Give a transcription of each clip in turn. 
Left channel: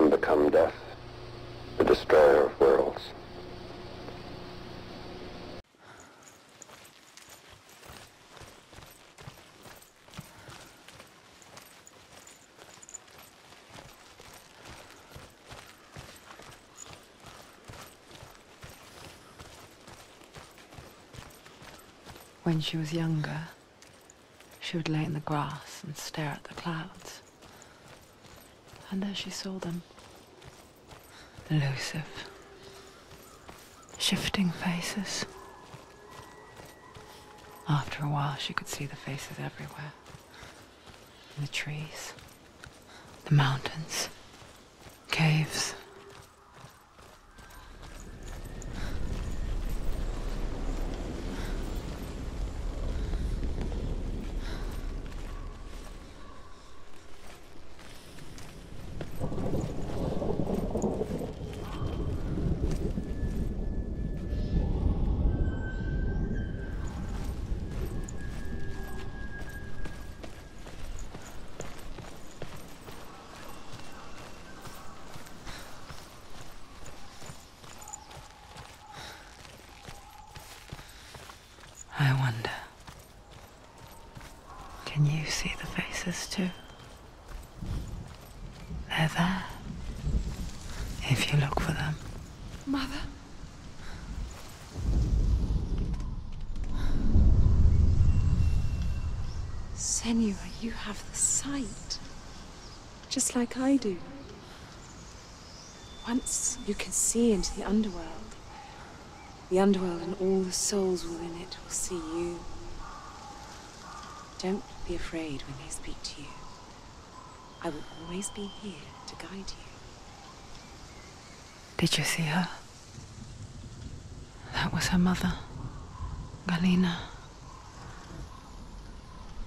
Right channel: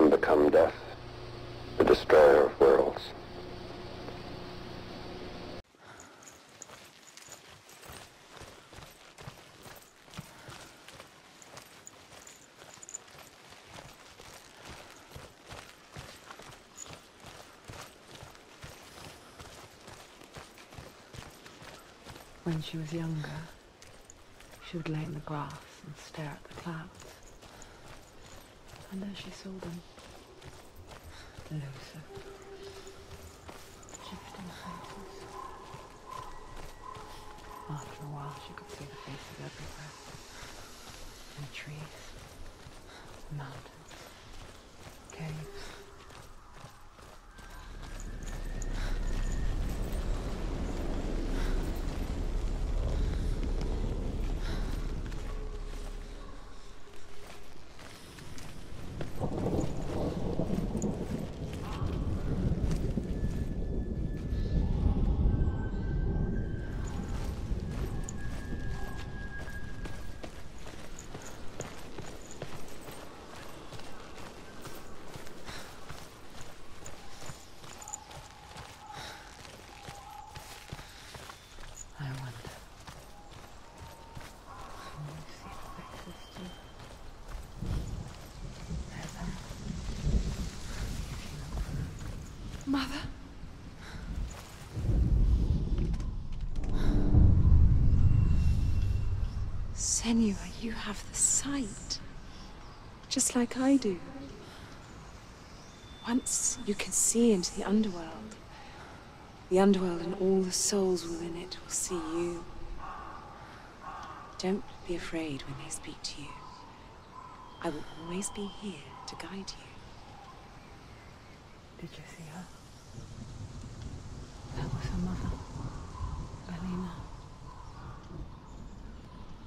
am become death, the destroyer of worlds. When she was younger, she would lay in the grass and stare at the clouds. And there she saw them. Elusive, shifting faces. After a while, she could see the faces everywhere. In the trees, the mountains, caves. I wonder, can you see the faces too? They're there, if you look for them. Mother? Senua, you have the sight, just like I do. Once you can see into the underworld and all the souls within it will see you. Don't be afraid when they speak to you. I will always be here to guide you. Did you see her? That was her mother, Galina.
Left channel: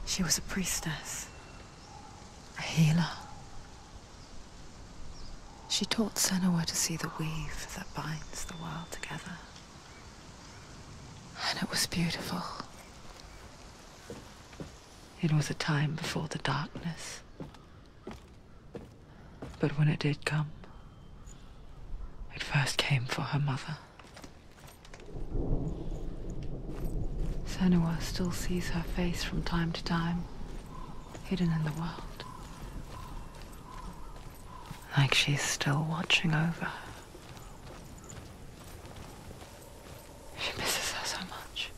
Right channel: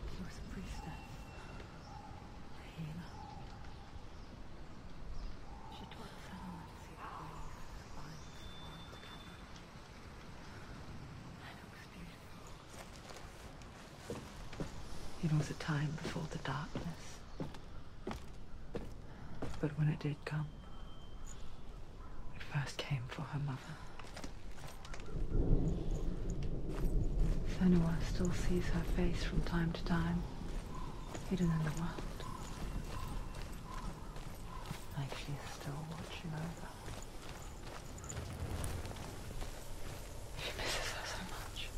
She was a priestess, a healer. She taught Senua to see the weave that binds the world together. And it was beautiful. It was a time before the darkness. But when it did come, it first came for her mother. Senua still sees her face from time to time, hidden in the world. Like she's still watching over her. She misses her so much.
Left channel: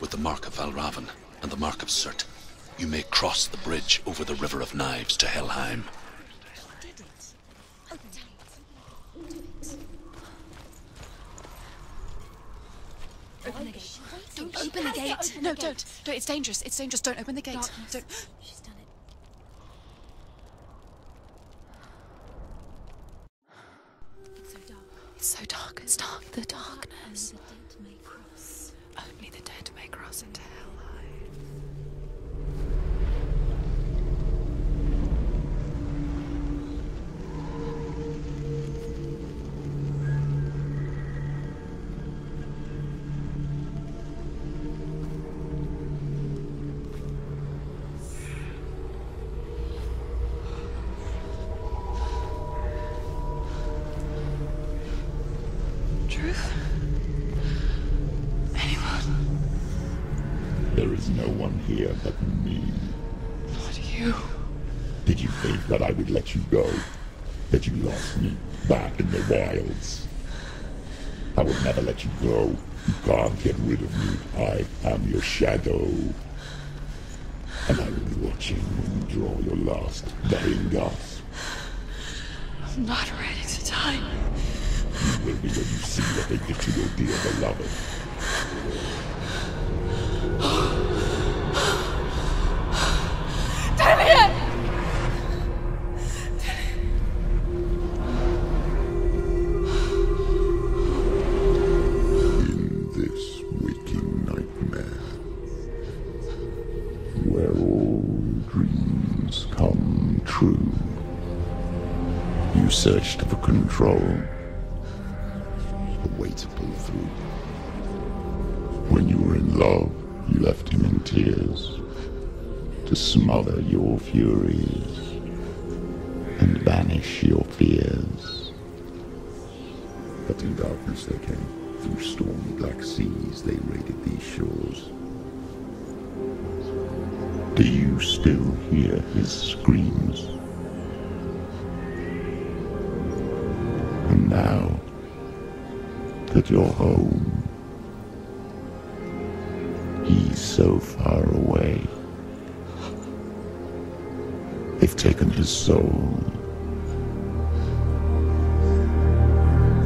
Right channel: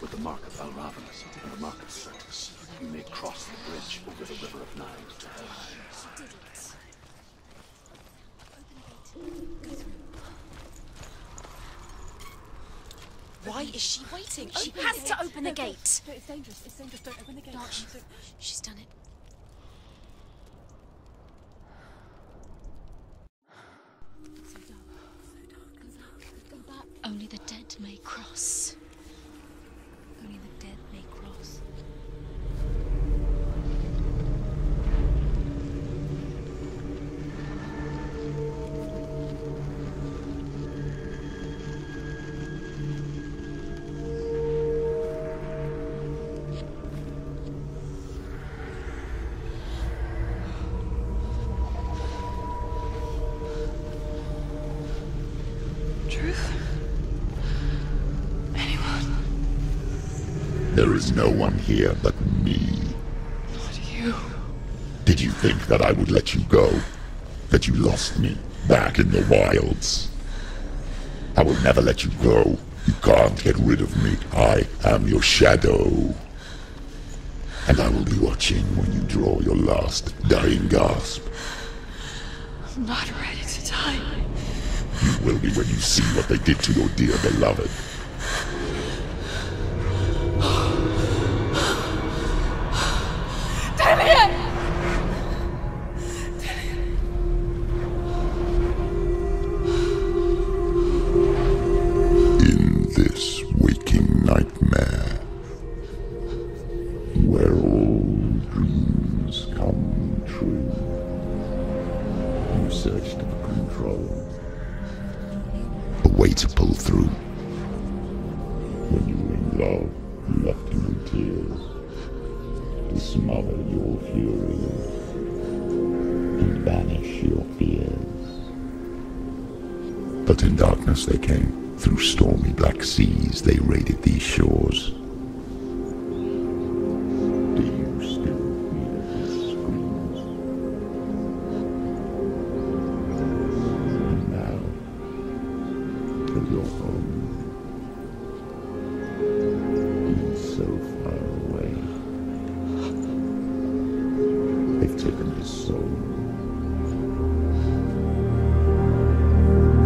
With the mark of Valravan and the mark of Surt, you may cross the bridge over the River of Knives to Helheim. Why is she waiting? She Open the has gate. to open No, the gate. don't. It's dangerous. It's dangerous. Don't open the gate. Don't. She's done it. It's so dark. It's dark. The darkness. Only the dead may cross. Only the dead may cross into Only the hell. dead may cross. Truth? Anyone? There is no one here but me. Not you. Did you think that I would let you go? That you lost me back in the wilds? I will never let you go. You can't get rid of me. I am your shadow. And I will be watching when you draw your last dying gasp. I'm not ready to die. you will be when you see what they did to your dear beloved. In this waking nightmare, where all dreams come true, you searched for control, a way to pull through. When you were in love, you left him in tears, to smother your furies and banish your fears. But in darkness they came, through stormy black seas they raided these shores. Do you still hear his screams? And now that you're home, he's so far away. They've taken his soul.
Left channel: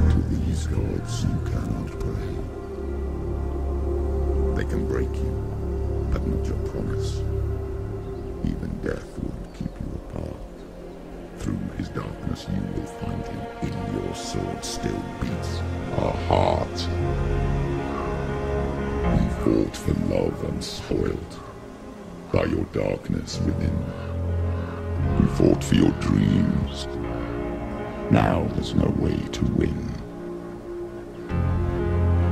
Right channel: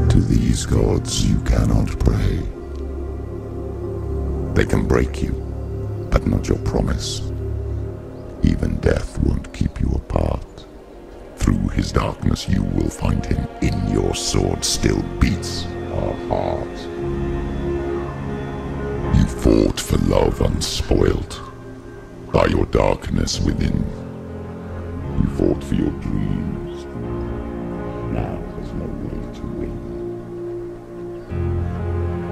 To these gods you cannot pray. They can break you, but not your promise. Even death won't keep you apart. Through his darkness you will find him. In your sword still beats a heart. You fought for love unspoilt by your darkness within. You fought for your dreams. Now there's no way to win.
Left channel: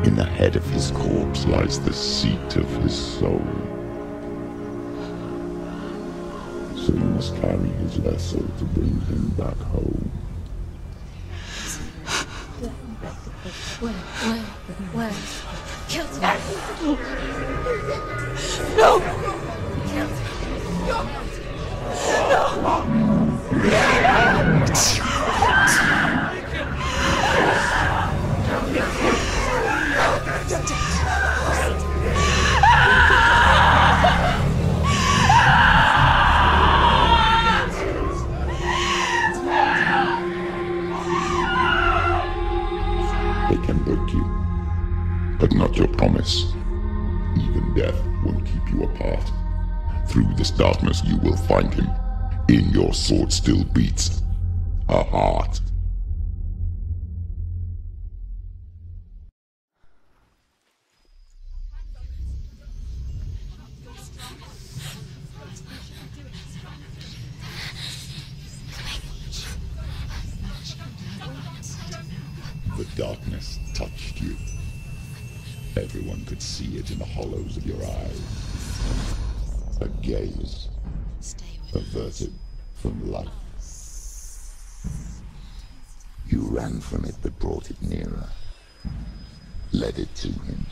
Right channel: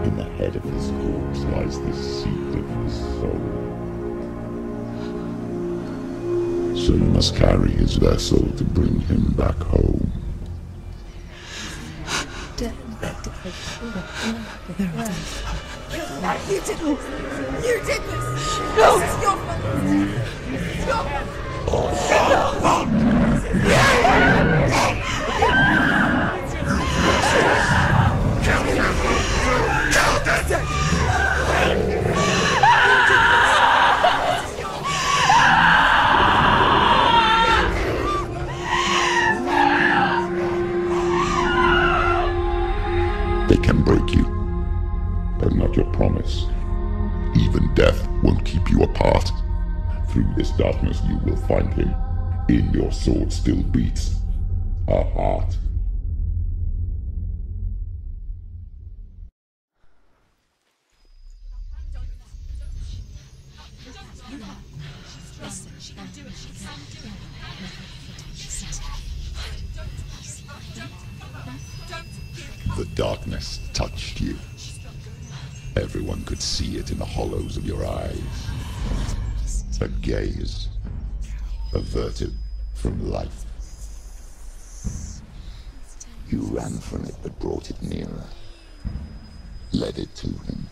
In the head of his corpse lies the seat of his soul. So you must carry his vessel to bring him back home. They can break you, but not your promise. Even death won't keep you apart. Through this darkness you will find him. In your sword still beats a heart. The darkness touched you. Everyone could see it in the hollows of your eyes. A gaze averted from life. You ran from it but brought it nearer. Led it to him.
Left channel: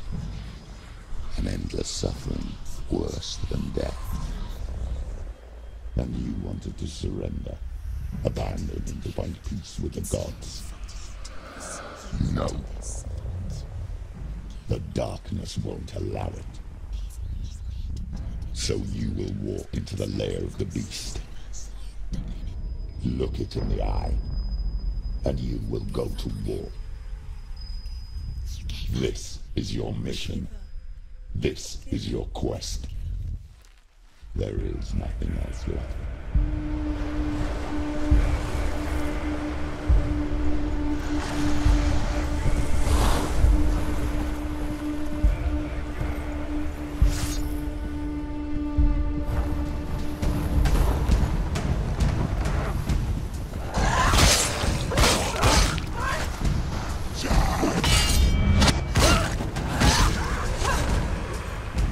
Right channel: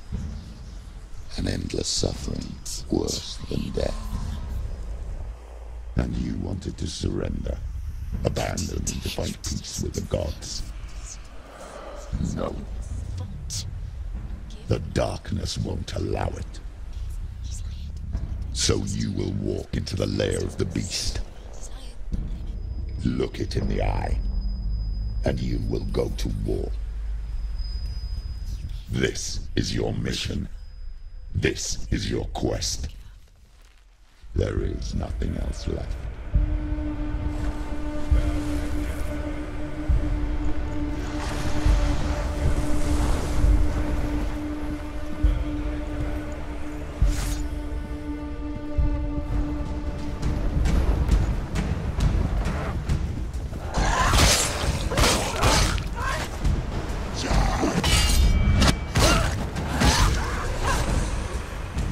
An endless suffering, worse than death. And you wanted to surrender, abandon and to find peace with the gods. No. The darkness won't allow it. So you will walk into the lair of the beast. Look it in the eye, and you will go to war. This is your mission. This is your quest. There is nothing else left.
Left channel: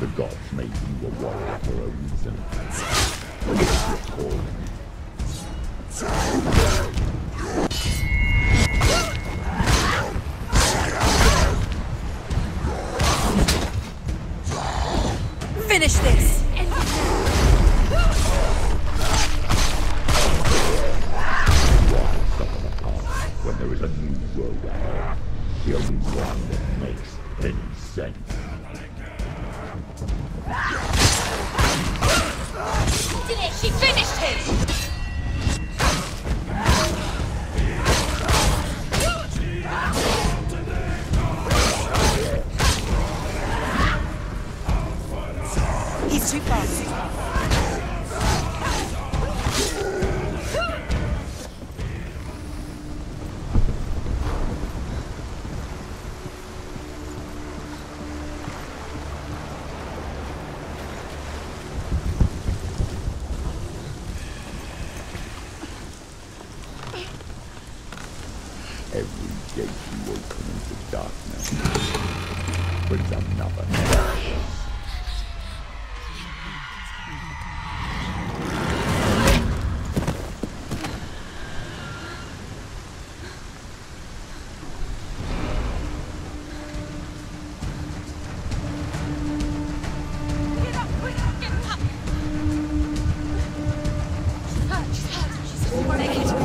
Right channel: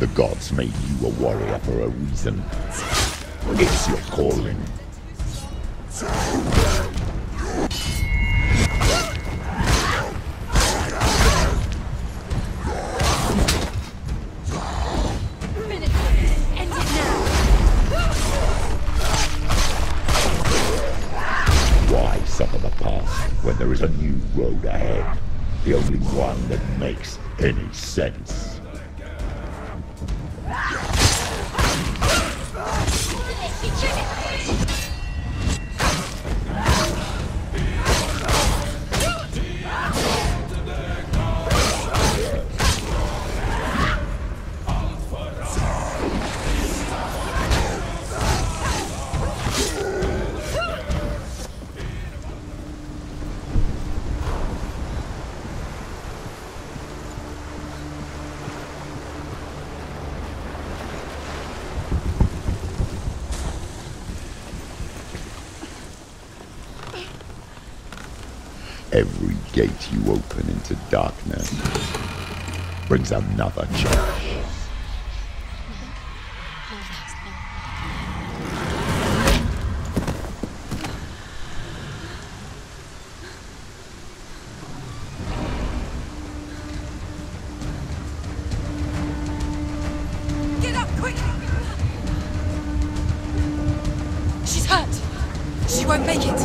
The gods made you a warrior for a reason. It's your calling. Finish this! End it now! Why suffer the past when there is a new road ahead? The only one that makes any sense. She finished him! Every gate you open into darkness brings another change. Get up, quick! Get up! She's hurt. She won't make it.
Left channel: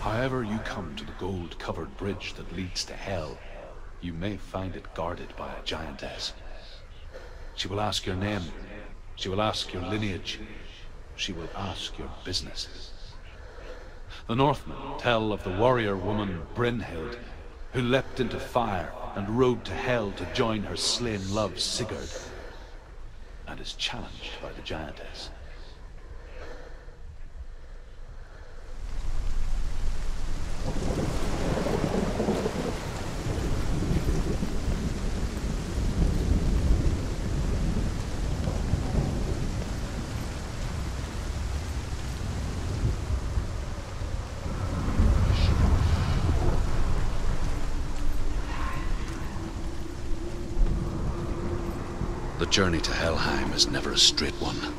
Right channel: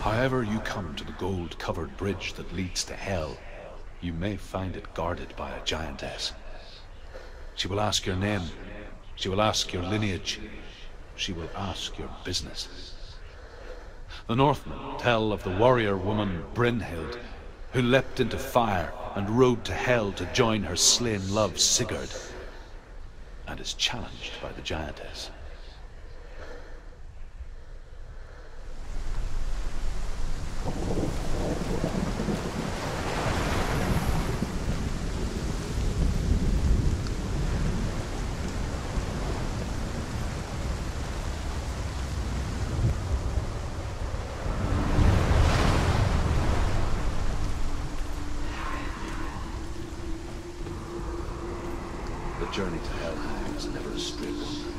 However you come to the gold-covered bridge that leads to Hell, you may find it guarded by a giantess. She will ask your name. She will ask your lineage. She will ask your business. The Northmen tell of the warrior woman Brynhild, who leapt into fire and rode to Hell to join her slain love Sigurd, and is challenged by the giantess. The journey to Helheim is never a straight one.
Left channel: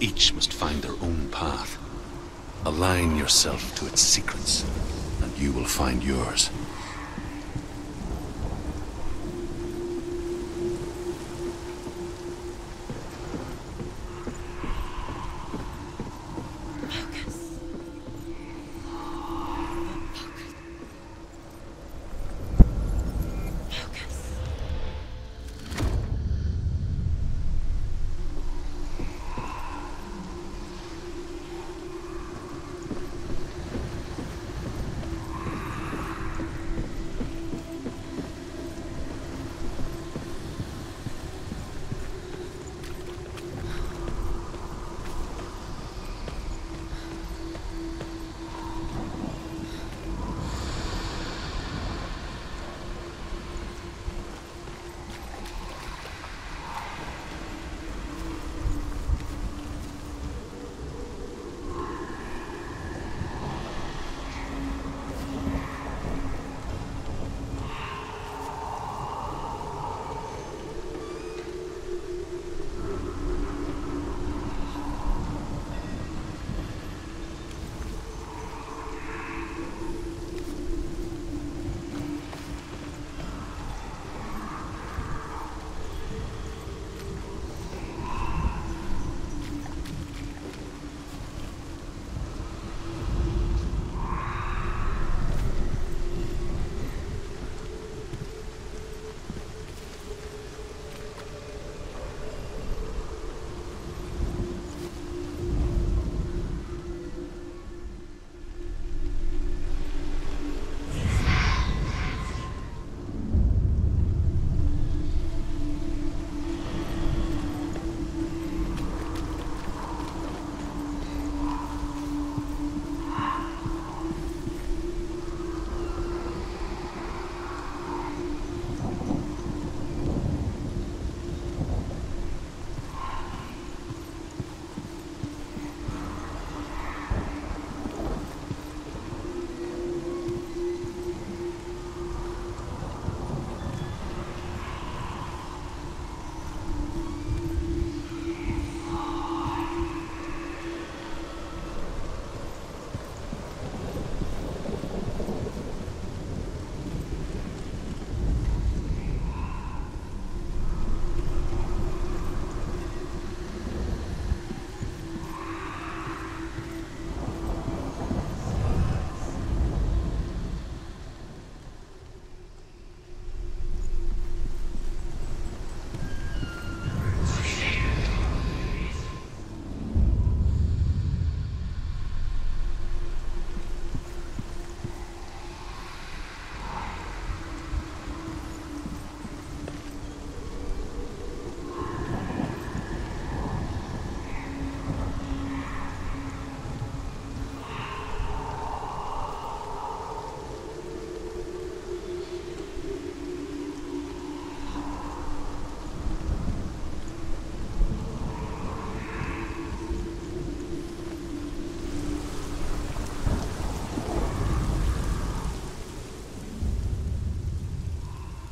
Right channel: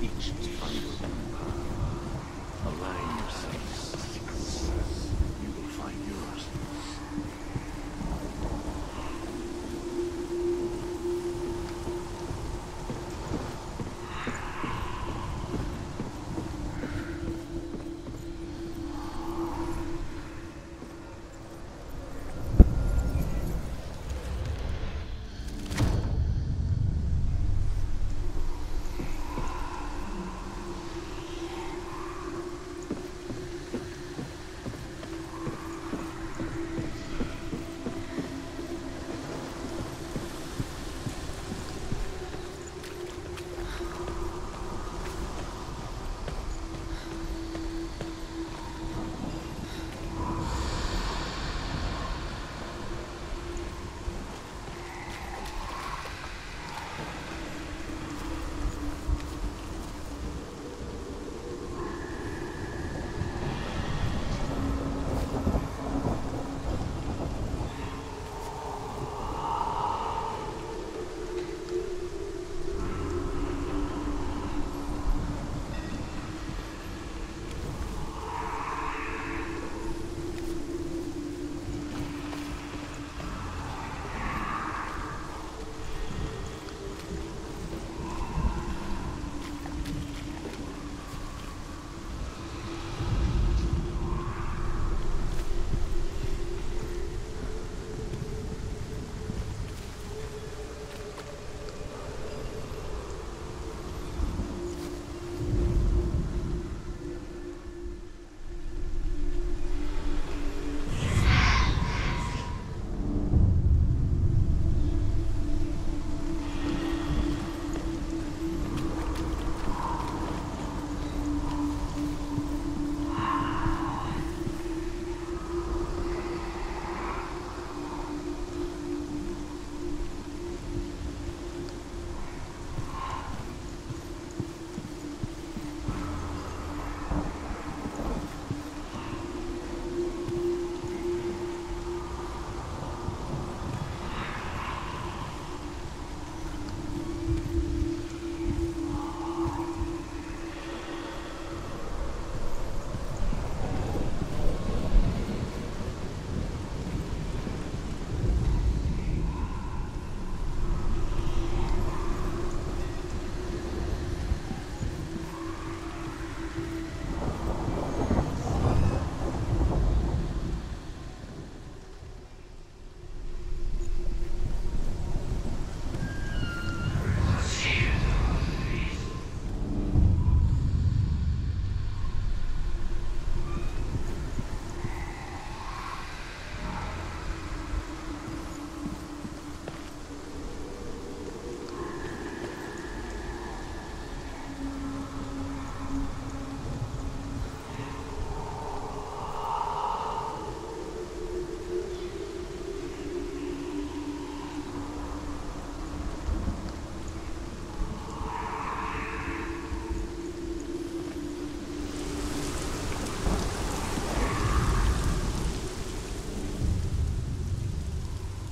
Each must find their own path. Align yourself to its secrets, and you will find yours.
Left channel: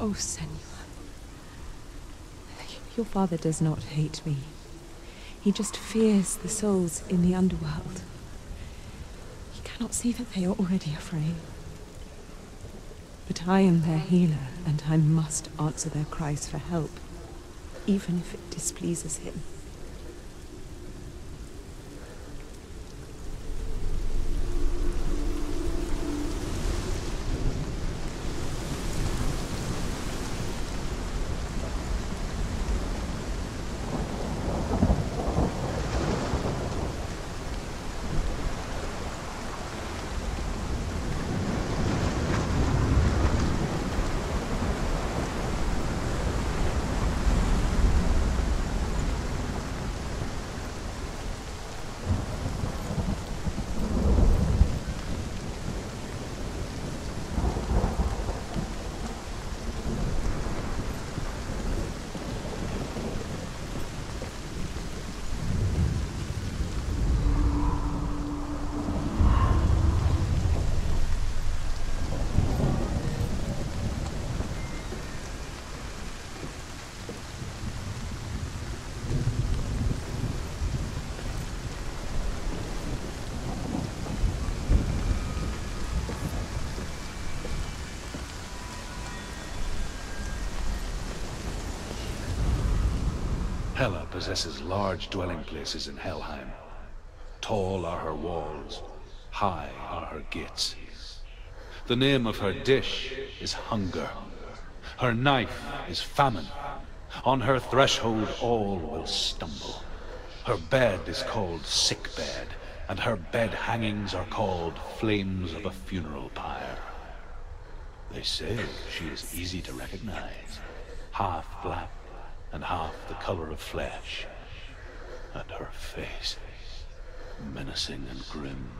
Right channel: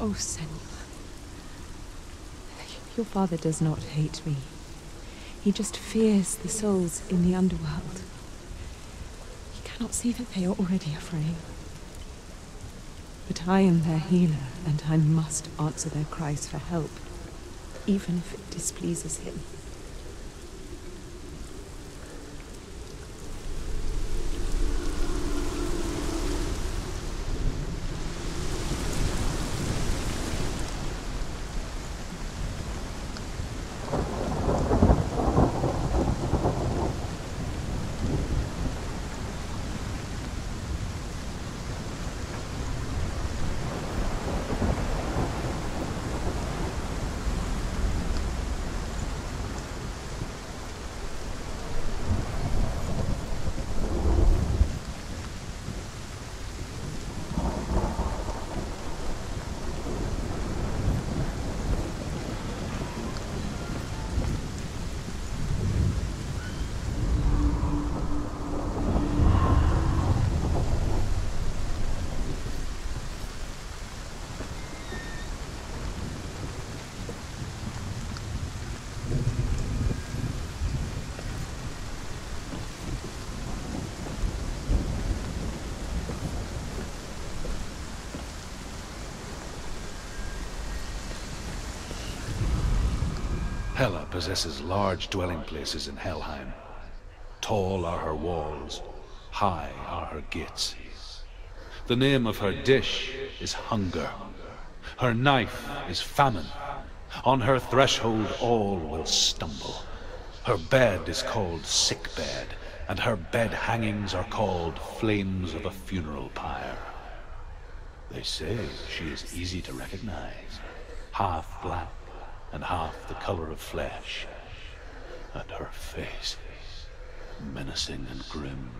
Oh, Senua. Your father does not hate me. He just fears the souls in the underworld. He cannot see that they are already afraid. But I am their healer, and I must answer their cries for help, even if it displeases him. Hela possesses large dwelling places in Helheim. Tall are her walls, high are her gates. The name of her dish is hunger. Her knife is famine. On her threshold all will stumble. Her bed is called sick bed, and her bed hangings are called flames of a funeral pyre. They say she is easy to recognize, half black and half the color of flesh, and her face menacing and grim.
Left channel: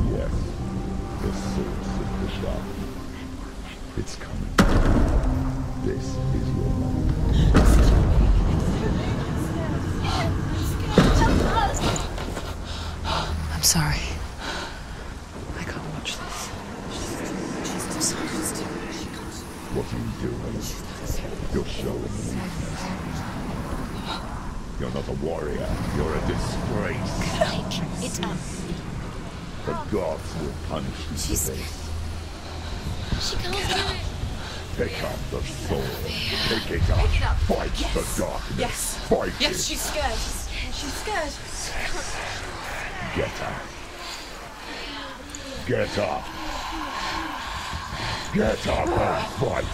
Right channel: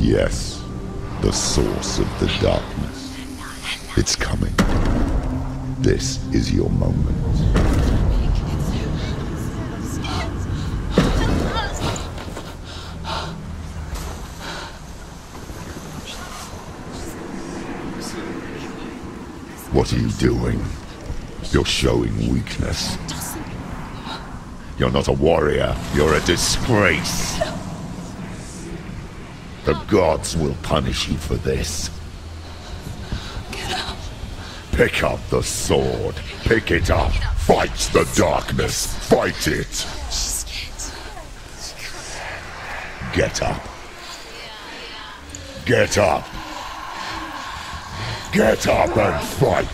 Yes, the source of the darkness. It's coming. This is your moment. I'm sorry. I can't watch this. What are you doing? You're showing weakness. You're not a warrior. You're a disgrace. The gods will punish you for this. Get up. Pick up the sword. Pick it up. Fight the darkness. Fight it. Get up. Get up. Get up and fight.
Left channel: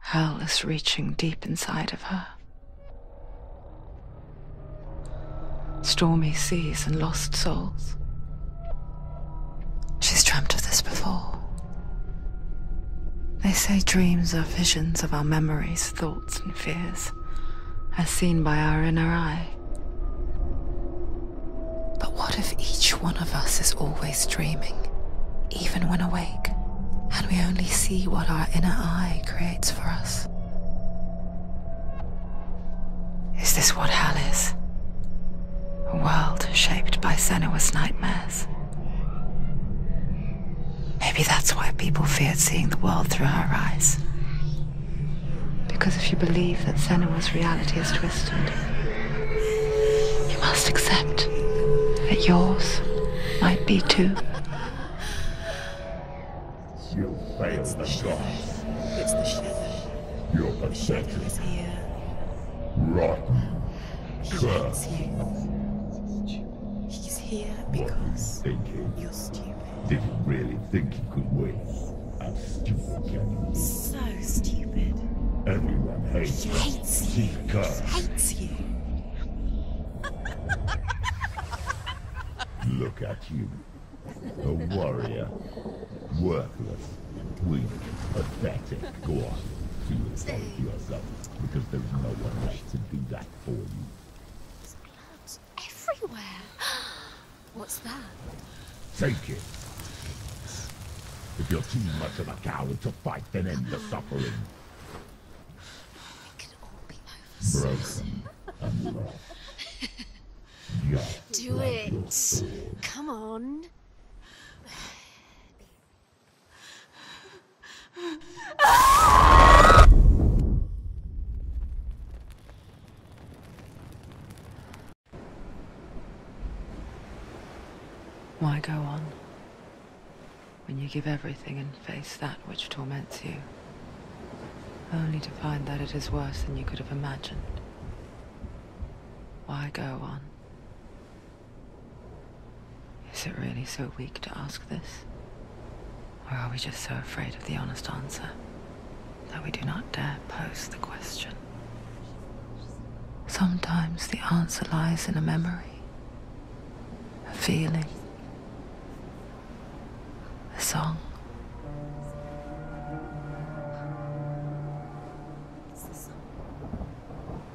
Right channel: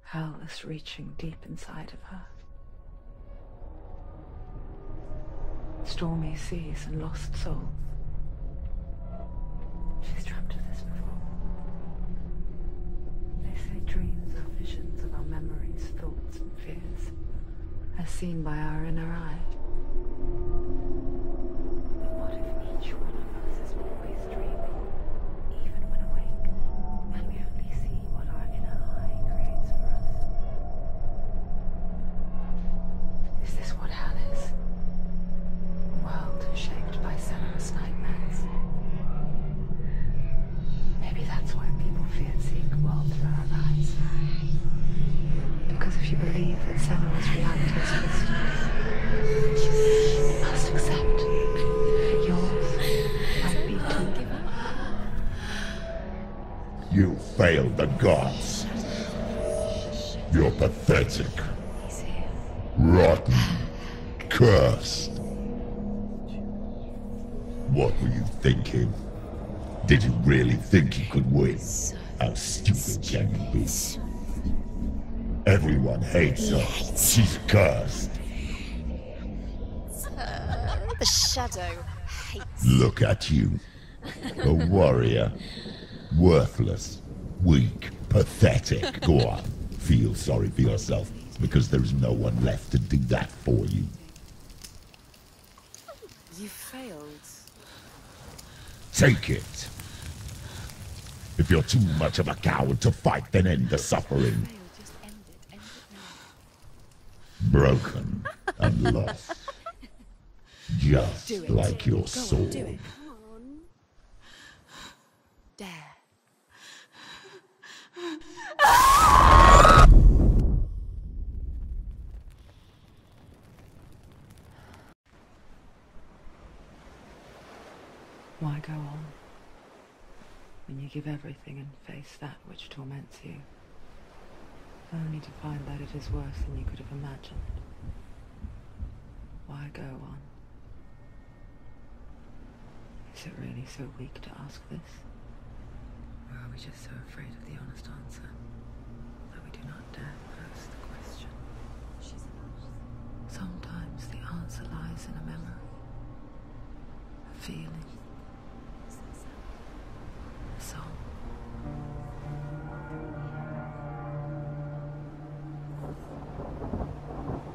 Hell is reaching deep inside of her. Stormy seas and lost souls. She's dreamt of this before. They say dreams are visions of our memories, thoughts, and fears, as seen by our inner eye. But what if each one of us is always dreaming, even when awake? And we only see what our inner eye creates for us. Is this what hell is? A world shaped by Senua's nightmares. Maybe that's why people feared seeing the world through her eyes. Because if you believe that Senua's reality is twisted, You must accept that yours might be too. You failed the gods. You're pathetic. Rotten. Cursed. What were you thinking? Did you really think you could win? How stupid can you be? So stupid. Everyone hates her. She's cursed. The shadow hates. Look at you. A warrior. Worthless. Weak. Pathetic. Go on. Feel sorry for yourself, because there's no one left to do that for you. Everywhere. You failed. What's that? Take it. If you're too much of a coward to fight, then end the suffering. Broken and lost. Just like your soul. Come on. Dare. Why go on when you give everything and face that which torments you, only to find that it is worse than you could have imagined? Why go on? Is it really so weak to ask this? Or are we just so afraid of the honest answer that we do not dare pose the question? Sometimes the answer lies in a memory, a feeling, a song.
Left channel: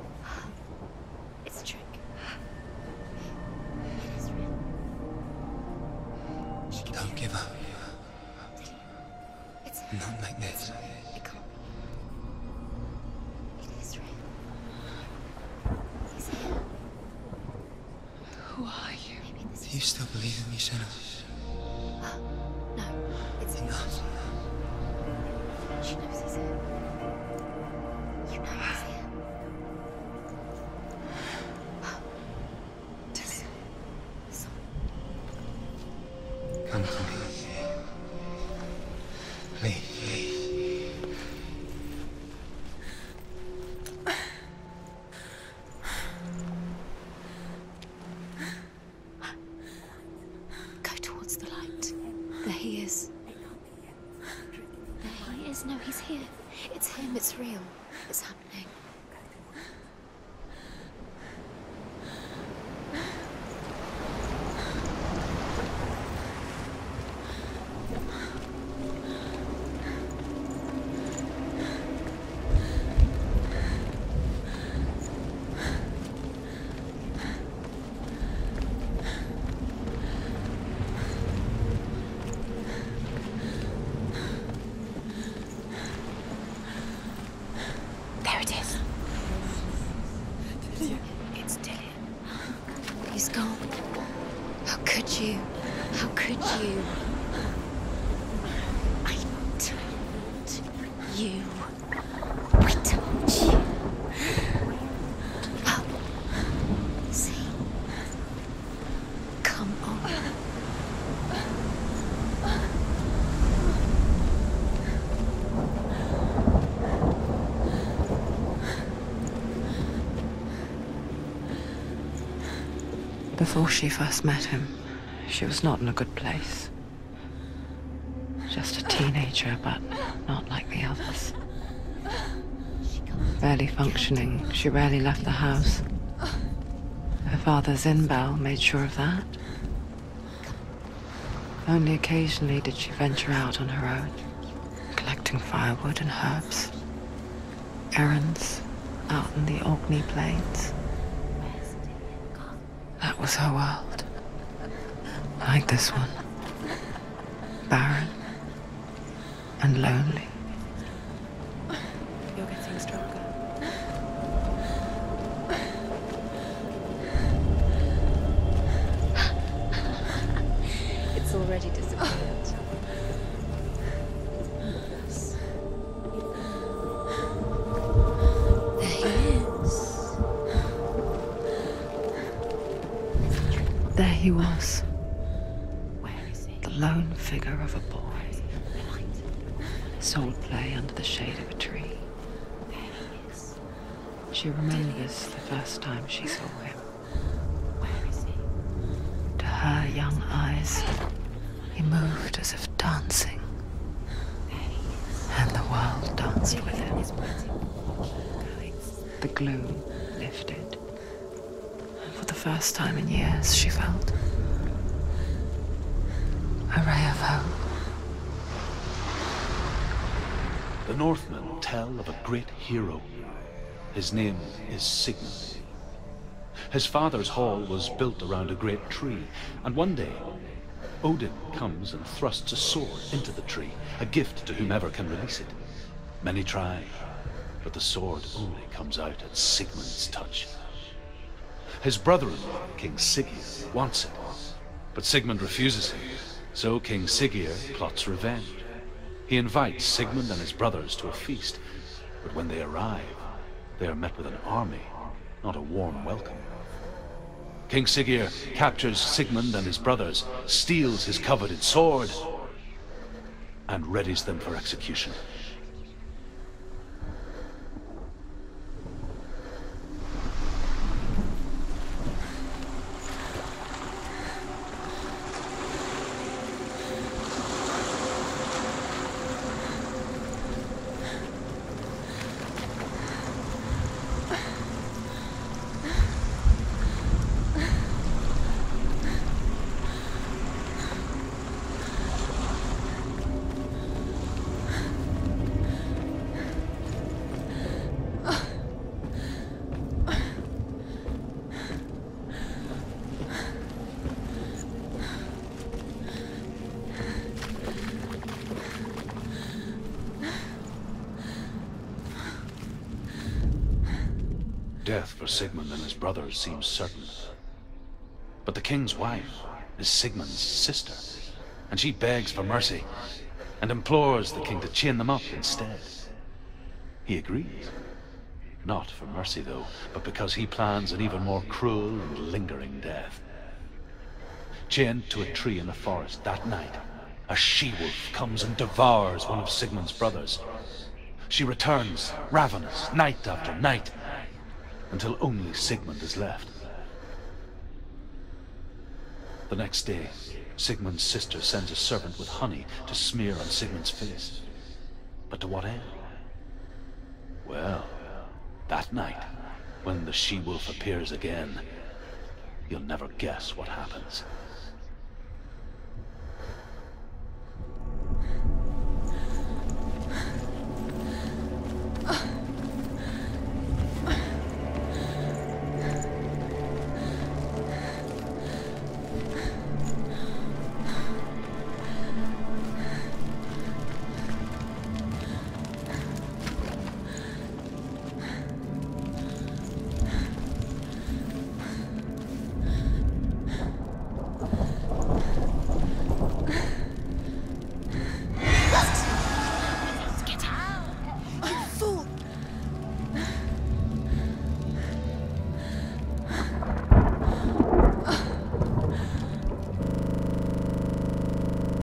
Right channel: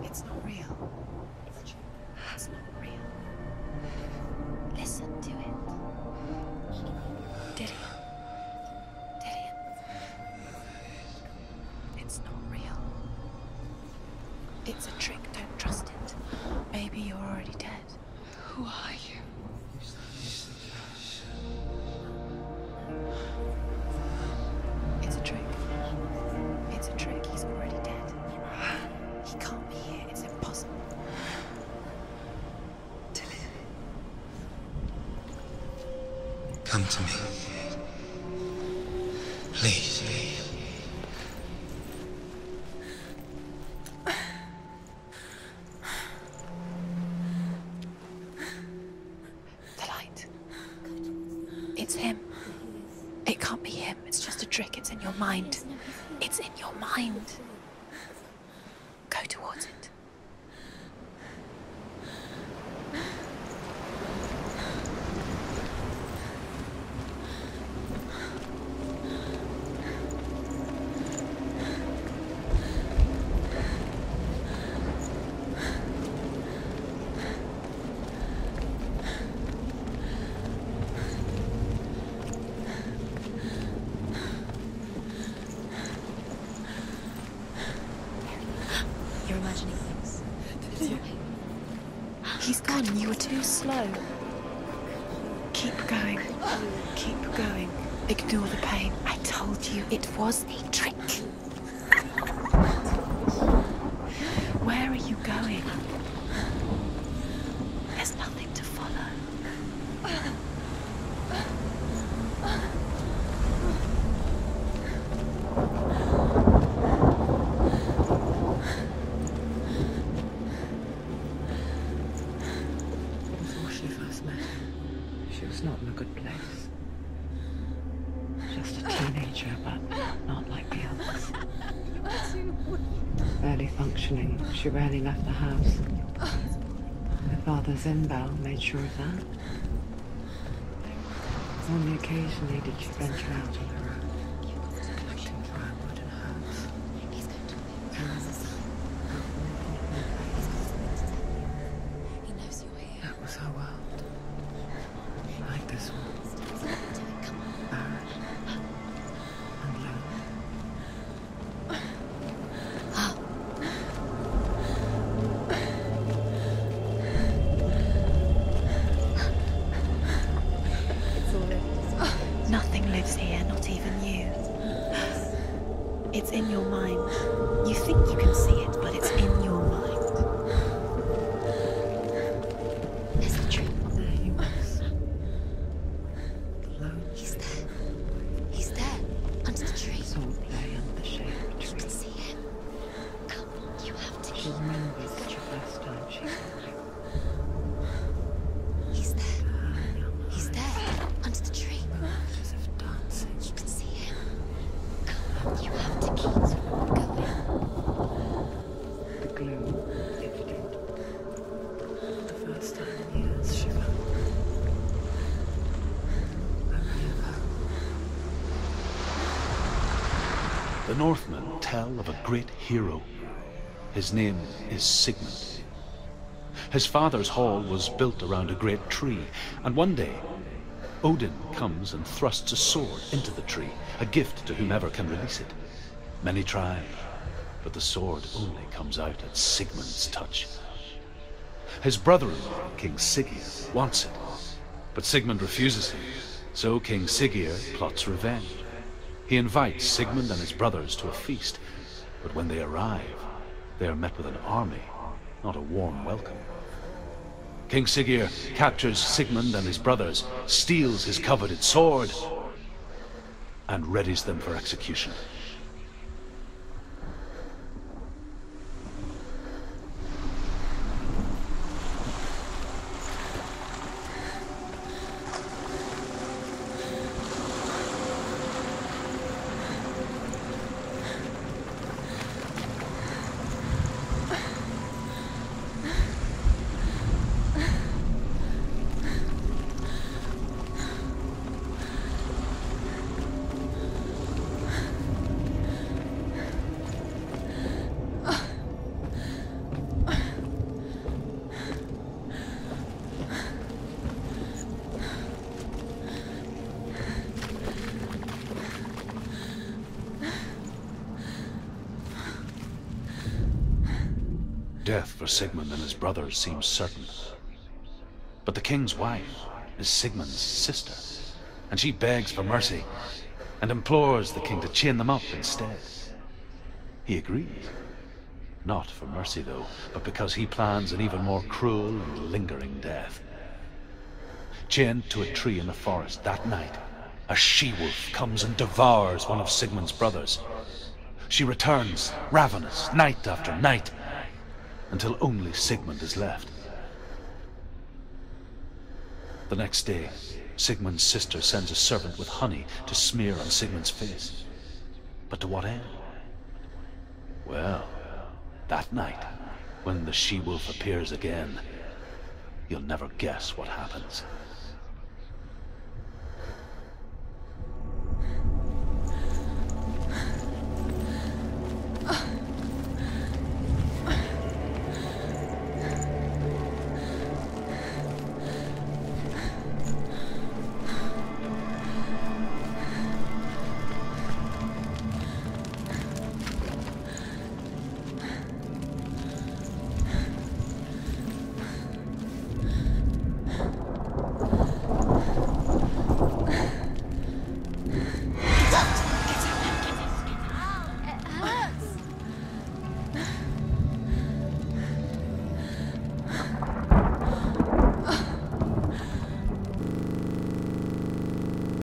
It's not real. It's a trick. It's not real. It's real. Listen to it. Don't give up. Did it? It's Not like this. it can't. It's not real. It is real. It's a trick. Don't trust it. Maybe you're already dead. Who are you? Do you still believe in me, Senua? No, it's not. It's a trick. She knows it's him. It's a trick. He's already dead. You know he's here. He can't be here. It's impossible. Come to me. Please. The light. Go towards the light. It's him. There he is. It can't be him. It's just a trick. It's in your mind. No, he's here. It's in your mind. It's real. It's happening. Go towards it. There it is. You're imagining things. It's Dylan. He's gone. You were so slow. How could you? Keep going. How could you? Keep going. Ignore the pain. I told you it was to trick you. I told you. Where are you going? Up. See, there's nothing to follow. Come on. Before she first met him, she was not in a good place. Just a teenager, but not like the others. Barely functioning, she rarely left the house. Her father Zinbao made sure of that. Only occasionally did she venture out on her own, collecting firewood and herbs. Errands out in the Orkney Plains. That was her world. Like this one. Barren and lonely. It's already disappeared. Nothing lives here, not even you. It's in your mind. You think you can see it, but it's in your mind. There he was, the lone figure of a boy. He's there, under the tree. Sword play under the shade of a tree. She remembers the first time she saw him. To her young eyes, he moved as if dancing, and the world danced with him. The gloom lifted. For the first time in years, she felt a ray of hope. The Northmen tell of a great hero. His name is Sigmund. His father's hall was built around a great tree, and one day, Odin comes and thrusts a sword into the tree, a gift to whomever can release it. Many try, but the sword only comes out at Sigmund's touch. His brother-in-law, King Siggeir, wants it, but Sigmund refuses him, so King Siggeir plots revenge. He invites Sigmund and his brothers to a feast, but when they arrive, they are met with an army, not a warm welcome. King Siggeir captures Sigmund and his brothers, steals his coveted sword, and readies them for execution. Death for Sigmund and his brothers seems certain. But the king's wife is Sigmund's sister, and she begs for mercy and implores the king to chain them up instead. He agrees. Not for mercy, though, but because he plans an even more cruel and lingering death. Chained to a tree in the forest that night, a she-wolf comes and devours one of Sigmund's brothers. She returns, ravenous, night after night, until only Sigmund is left. The next day, Sigmund's sister sends a servant with honey to smear on Sigmund's face. But to what end? Well, that night, when the she-wolf appears again, you'll never guess what happens.